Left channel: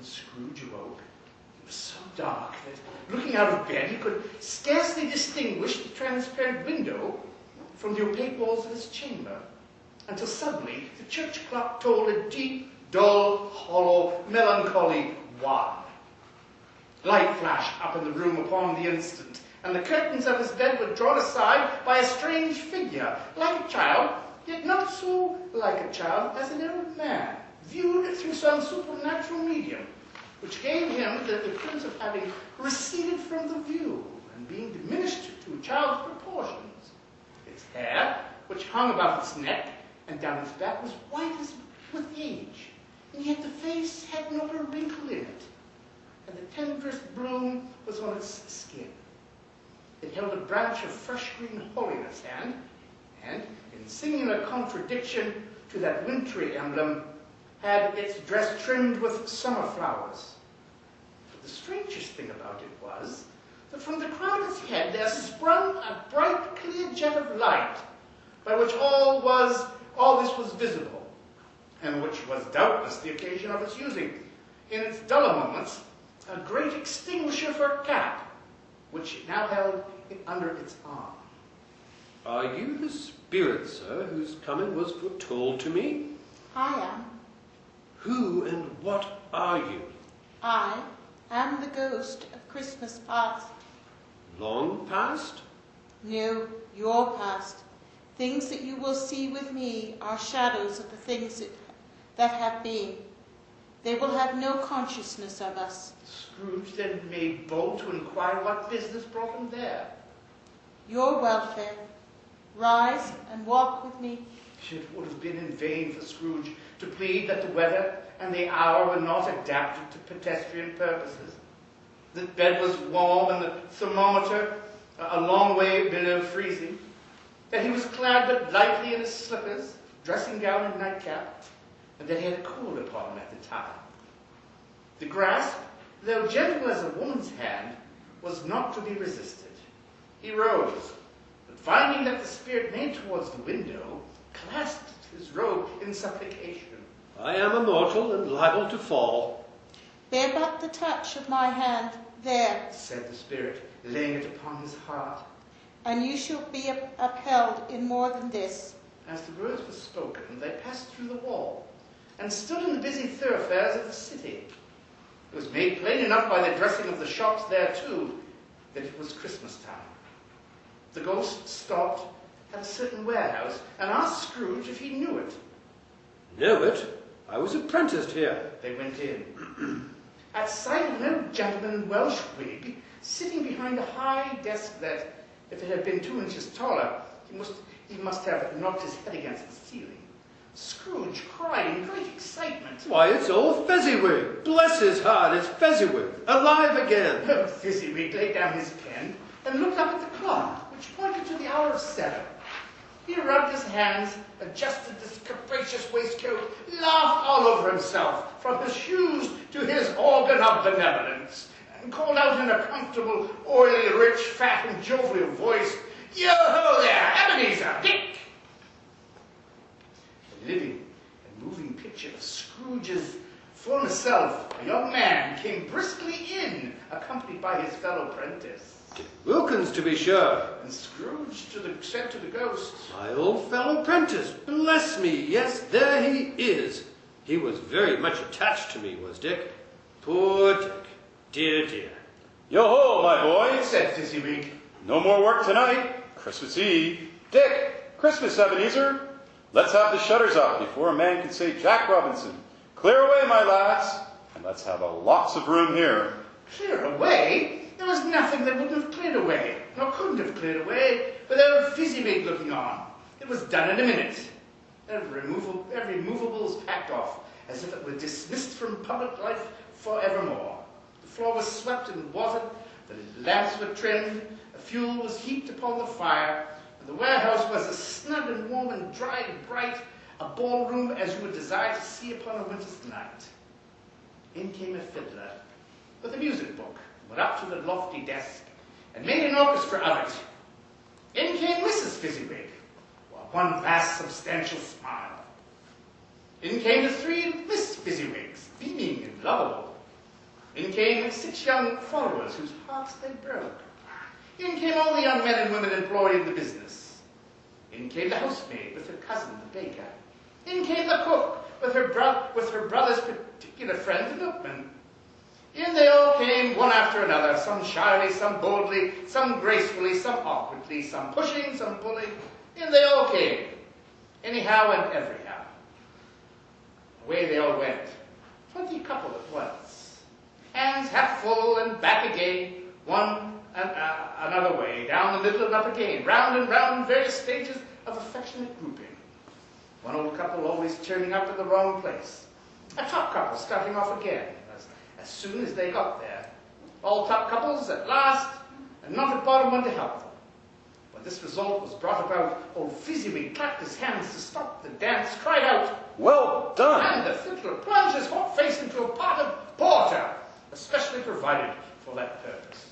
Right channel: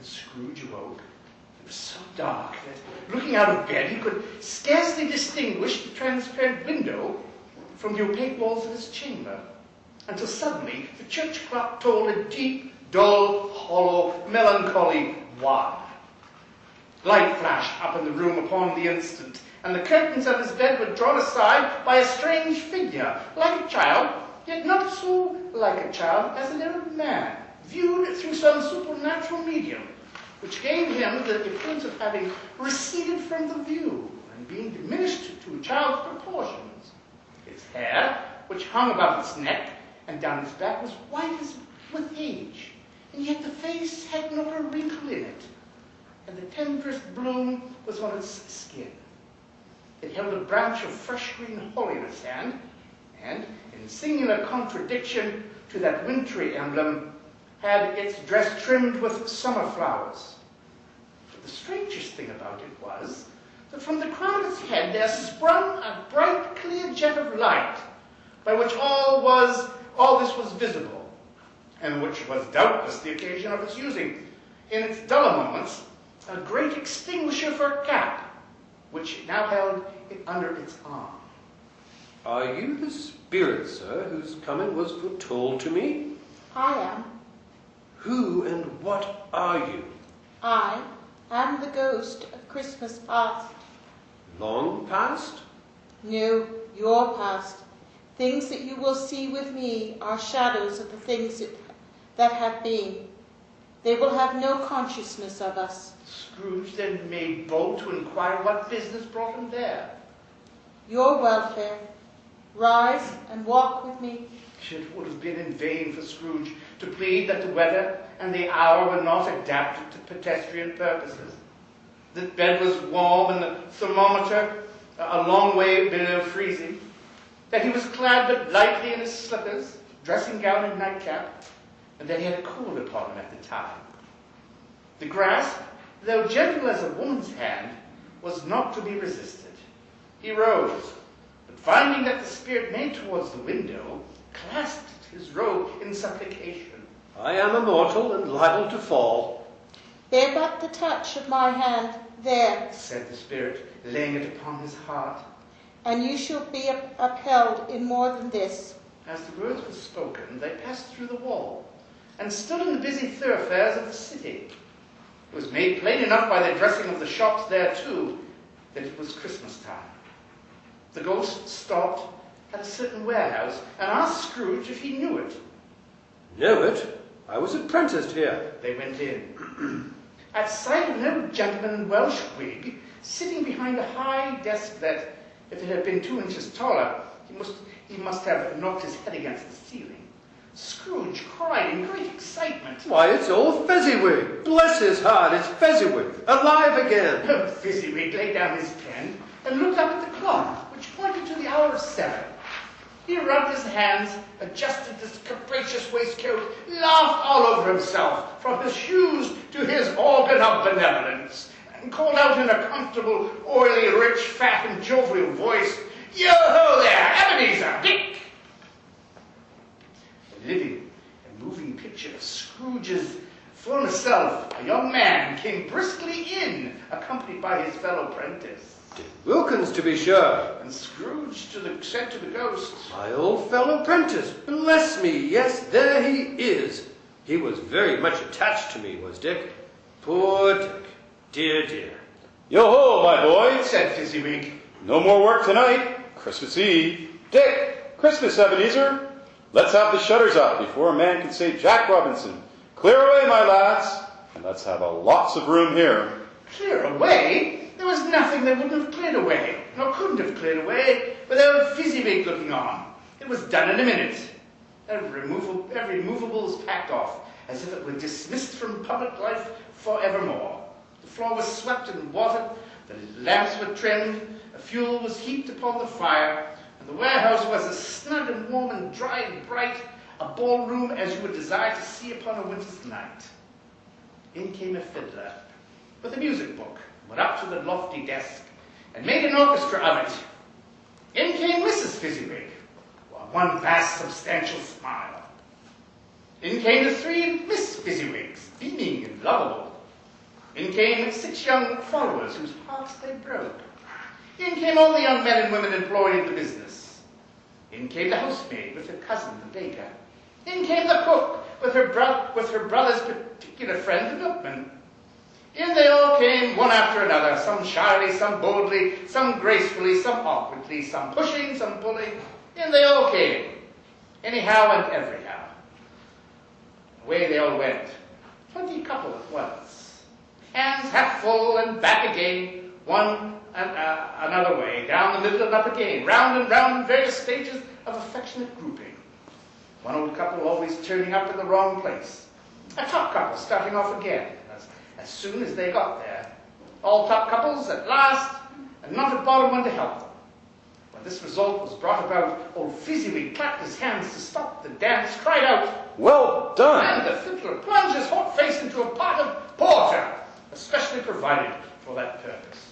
when Scrooge awoke, it was so dark that, looking out of bed, he could scarcely distinguish the transparent window from the opaque walls of his chamber, until suddenly the church clock tolled a deep, dull, hollow, melancholy 1. Light flashed up in the room upon the instant, and the curtains of his bed were drawn aside by a strange figure, like a child, yet not so like a child as an old man, viewed through some supernatural medium, which gave him the appearance of having receded from the view and being diminished to a child's proportions. Its hair, which hung above its neck and down its back, was white as with age, and yet the face had not a wrinkle in it, and the tenderest bloom was on its skin. It held a branch of fresh green holly in its hand, and, in singular contradiction to that wintry emblem, had its dress trimmed with summer flowers. But the strangest thing about it was that from the crown of its head there sprung a bright, clear jet of light, by which all this was visible, and which was doubtless the occasion of its using, in its duller moments, a great extinguisher for a cap, which it now held under its arm. Are you the spirit, sir, whose coming was foretold to me? I am. Who and what are you? I am the ghost of Christmas past. Long past? No, your past. Things that you will see with me are shadows of the things that have been. They will have no consciousness of us. Scrooge then made bold to inquire what business brought him there. Your welfare. Rise and walk with me. It would have been in vain for Scrooge to plead that the weather and the hour were not adapted to pedestrian purposes. The bed was warm and the thermometer a long way below freezing. That he was clad but lightly in his slippers, dressing gown and nightcap, and that he had a cold upon him at the time. The grasp, though gentle as a woman's hand, was not to be resisted. He rose, but finding that the spirit made towards the window, clasped his robe in supplication. I am a mortal and liable to fall. Bear but the touch of my hand, there, said the spirit, laying it upon his heart, and you shall be upheld in more than this. As the words were spoken, they passed through the wall, and stood in the busy thoroughfares of the city. It was made plain enough by the dressing of the shops there, too, that it was Christmas time. The ghost stopped at a certain warehouse and asked Scrooge if he knew it. Knew it? I was apprenticed here. They went in. At sight of an old gentleman in Welsh wig, sitting behind a high desk that, if it had been 2 inches taller, he must have knocked his head against the ceiling, Scrooge cried in great excitement. Why, it's old Fezziwig. Bless his heart, it's Fezziwig. Alive again. Fezziwig laid down his pen and looked up at the clock, which pointed to the hour of 7. He rubbed his hands, adjusted his capacious waistcoat, laughed all over himself, from his shoes to his organ of benevolence, and called out in a comfortable, oily, rich, fat, and jovial voice, "Yo-ho there, Ebenezer, Dick!" A living and moving picture of Scrooge's former self, a young man, came briskly in, accompanied by his fellow apprentice. Wilkins, to be sure. And Scrooge said to the ghost, My old fellow apprentice, bless me, yes, there he is. He was very much attached to me, was Dick. Poor Dick, dear, dear. Yo-ho, my boy, said Fezziwig. No more work tonight. Christmas Eve. Dick, Christmas, Ebenezer. Let's have the shutters up before a man can say Jack Robinson. Clear away, my lads, and let's have a lots of room here. Clear away? There was nothing that wouldn't have cleared away, nor couldn't have cleared away, without Fezziwig looking on. It was done in a minute. Every movable was packed off, as if it were dismissed from public life forevermore. The floor was swept and watered, the lamps were trimmed, a fuel was heaped upon the fire, and the warehouse was as snug and warm and dry and bright a ballroom as you would desire to see upon a winter's night. In came a fiddler with a music book, went up to the lofty desk, and made an orchestra of it. In came Mrs. Fezziwig, one vast substantial smile. In came the 3 Miss Fezziwigs, beaming and lovable. In came 6 young followers whose hearts they broke. In came all the young men and women employed in the business. In came the housemaid with her cousin, the baker. In came the cook with her brother's particular friend, the milkman. In they all came, one after another, some shyly, some boldly, some gracefully, some awkwardly, some pushing, some pulling. In they all came, anyhow and everyhow. Away they all went, 20 couple at once. Hands half full and back again, one and another way, down the middle and up again, round and round in various stages of affectionate grouping. One old couple always turning up in the wrong place. A top couple starting off again, as soon as they got there. All top couples at last, and not a bottom one to help them. When this result was brought about, old Fezziwig clapped his hands to stop the dance, cried out, Well done! and the fiddler plunged his hot face into a pot of porter, especially provided for that purpose.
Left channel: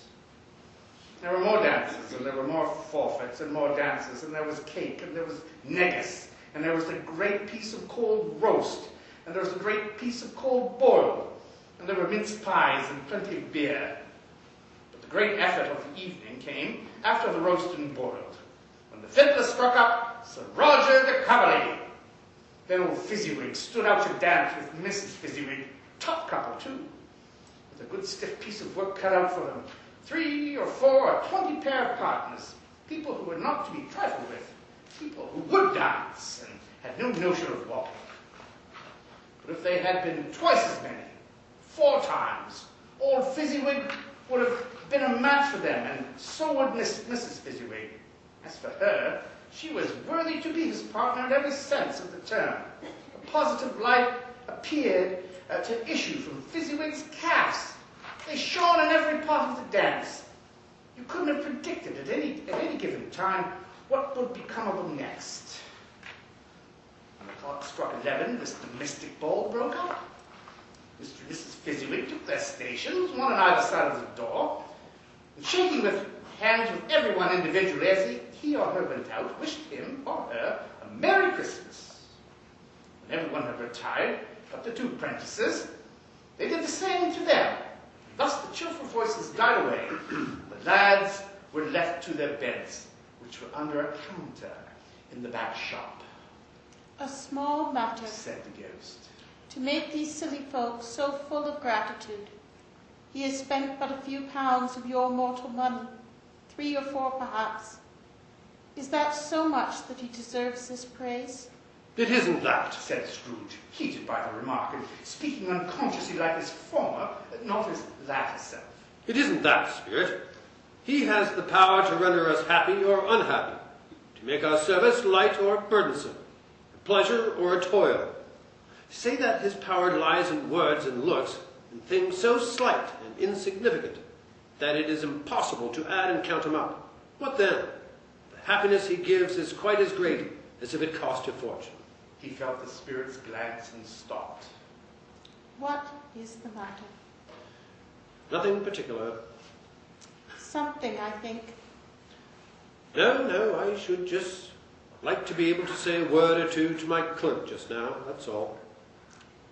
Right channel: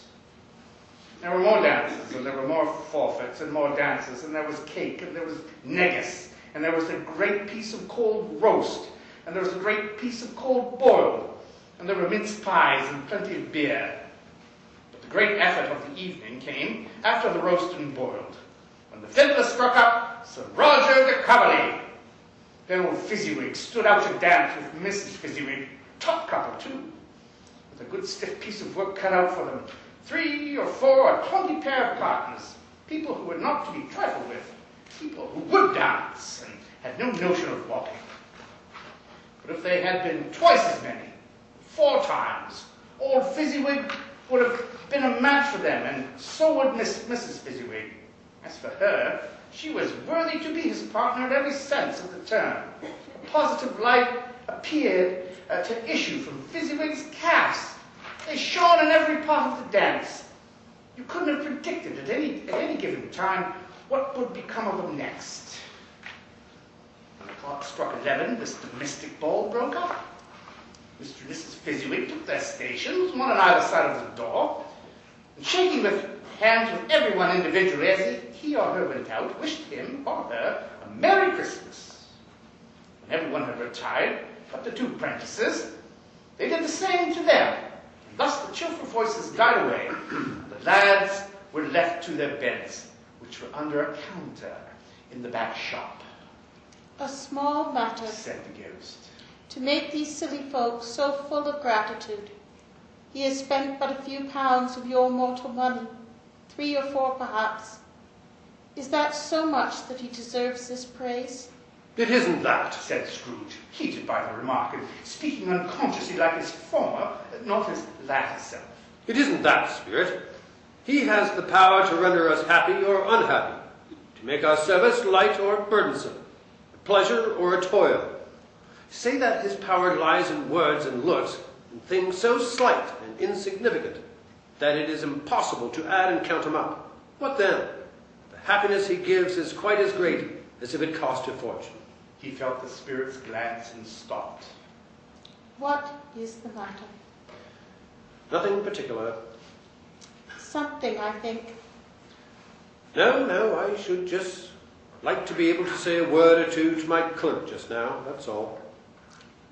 There were more dances, and there were more forfeits, and more dances, and there was cake, and there was negus, and there was a great piece of cold roast, and there was a great piece of cold boiled, and there were mince pies and plenty of beer. But the great effort of the evening came after the roast and boiled, when the fiddler struck up Sir Roger de Coverley. Then old Fezziwig stood out to dance with Mrs. Fezziwig, top couple too, with a good stiff piece of work cut out for them. 3 or 4 or 20 pair of partners, people who were not to be trifled with, people who would dance and had no notion of walking. But if they had been twice as many, 4 times, old Fezziwig would have been a match for them, and so would Mrs. Fezziwig. As for her, she was worthy to be his partner in every sense of the term. A positive light appeared to issue from Fezziwig's calves. They shone in every part of the dance. You couldn't have predicted at any given time what would become of them next. When the clock struck 11, this domestic ball broke up. Mr. and Mrs. Fezziwig took their stations, one on either side of the door, and shaking with hands with everyone individually as he or her went out, wished him or her a Merry Christmas. When everyone had retired, but the 2 apprentices, they did the same to them. Thus the cheerful voices died away. The lads were left to their beds, which were under a counter in the back shop. A small matter, Said the ghost, to make these silly folks so full of gratitude. He has spent but a few pounds of your mortal money, 3 or 4 perhaps. Is that so much that he deserves this praise? It isn't that, said Scrooge, heated by the remark, and speaking unconsciously like his former, not his latter self. It isn't that, Spirit. He has the power to render us happy or unhappy, to make our service light or burdensome, a pleasure or a toil. Say that his power lies in words and looks, and things so slight and insignificant that it is impossible to add and count them up. What then? The happiness he gives is quite as great as if it cost a fortune. He felt the spirit's glance and stopped. What is the matter? Nothing particular. Something, I think. No, I should just like to be able to say a word or two to my clerk just now, that's all.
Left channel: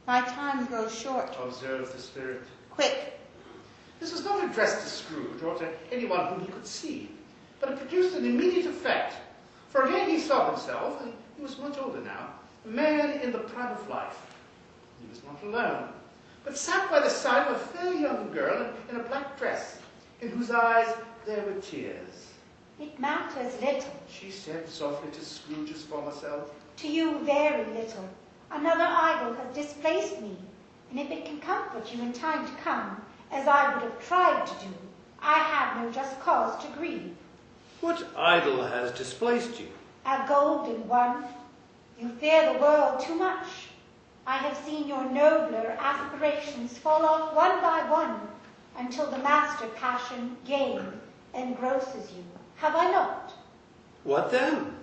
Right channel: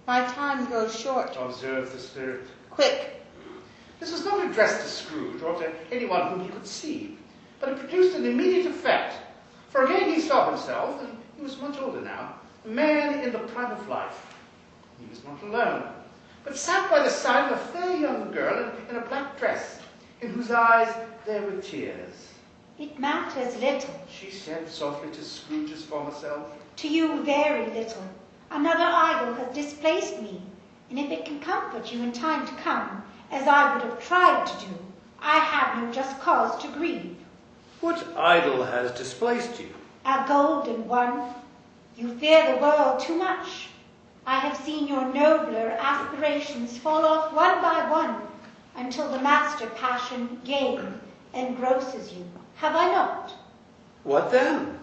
My time grows short. Observed the spirit. Quick. This was not addressed to Scrooge or to anyone whom he could see, but it produced an immediate effect. For again he saw himself, and he was much older now, a man in the prime of life. He was not alone, but sat by the side of a fair young girl in a black dress, in whose eyes there were tears. It matters little. She said softly to Scrooge's former self. To you, very little. Another idol has displaced me, and if it can comfort you in time to come, as I would have tried to do, I have no just cause to grieve. What idol has displaced you? A golden one. You fear the world too much. I have seen your nobler aspirations fall off one by one until the master passion, gain, engrosses you. Have I not? What then?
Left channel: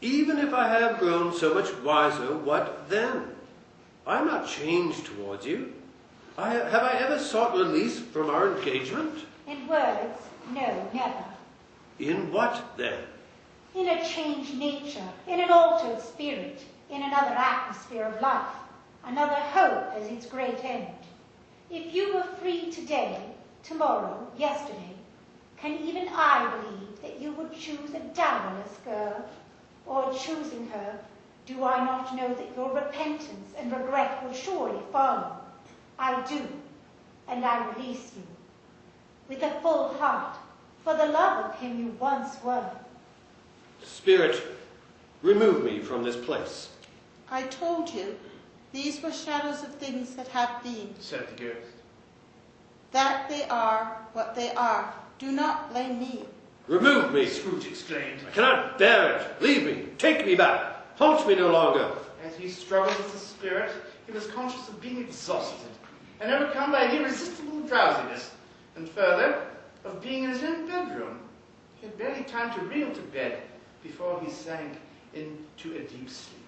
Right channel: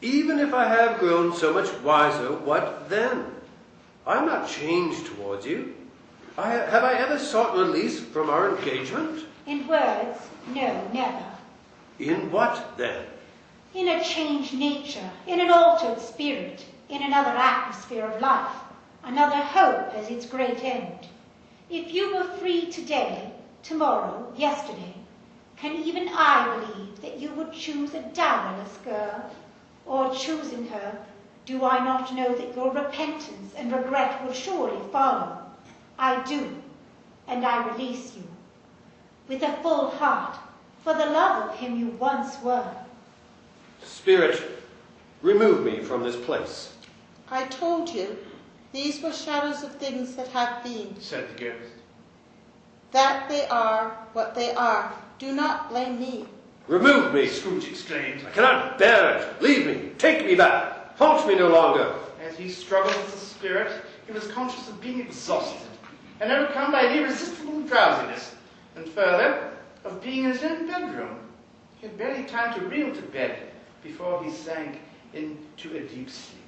Even if I have grown so much wiser, what then? I'm not changed towards you. Have I ever sought release from our engagement? In words, no, never. In what, then? In a changed nature, in an altered spirit, in another atmosphere of life, another hope as its great end. If you were free today, tomorrow, yesterday, can even I believe that you would choose a dowerless girl? Or choosing her, do I not know that your repentance and regret will surely follow? I do, and I release you, with a full heart, for the love of him you once were. Spirit, remove me from this place. I told you, these were shadows of things that have been. Said the ghost. That they are what they are. Do not blame me. Remove me! Scrooge exclaimed, I cannot bear it. Leave me. Take me back. Haunt me no longer. As he struggled with the spirit, he was conscious of being exhausted and overcome by an irresistible drowsiness, and further, of being in his own bedroom. He had barely time to reel to bed before he sank into a deep sleep.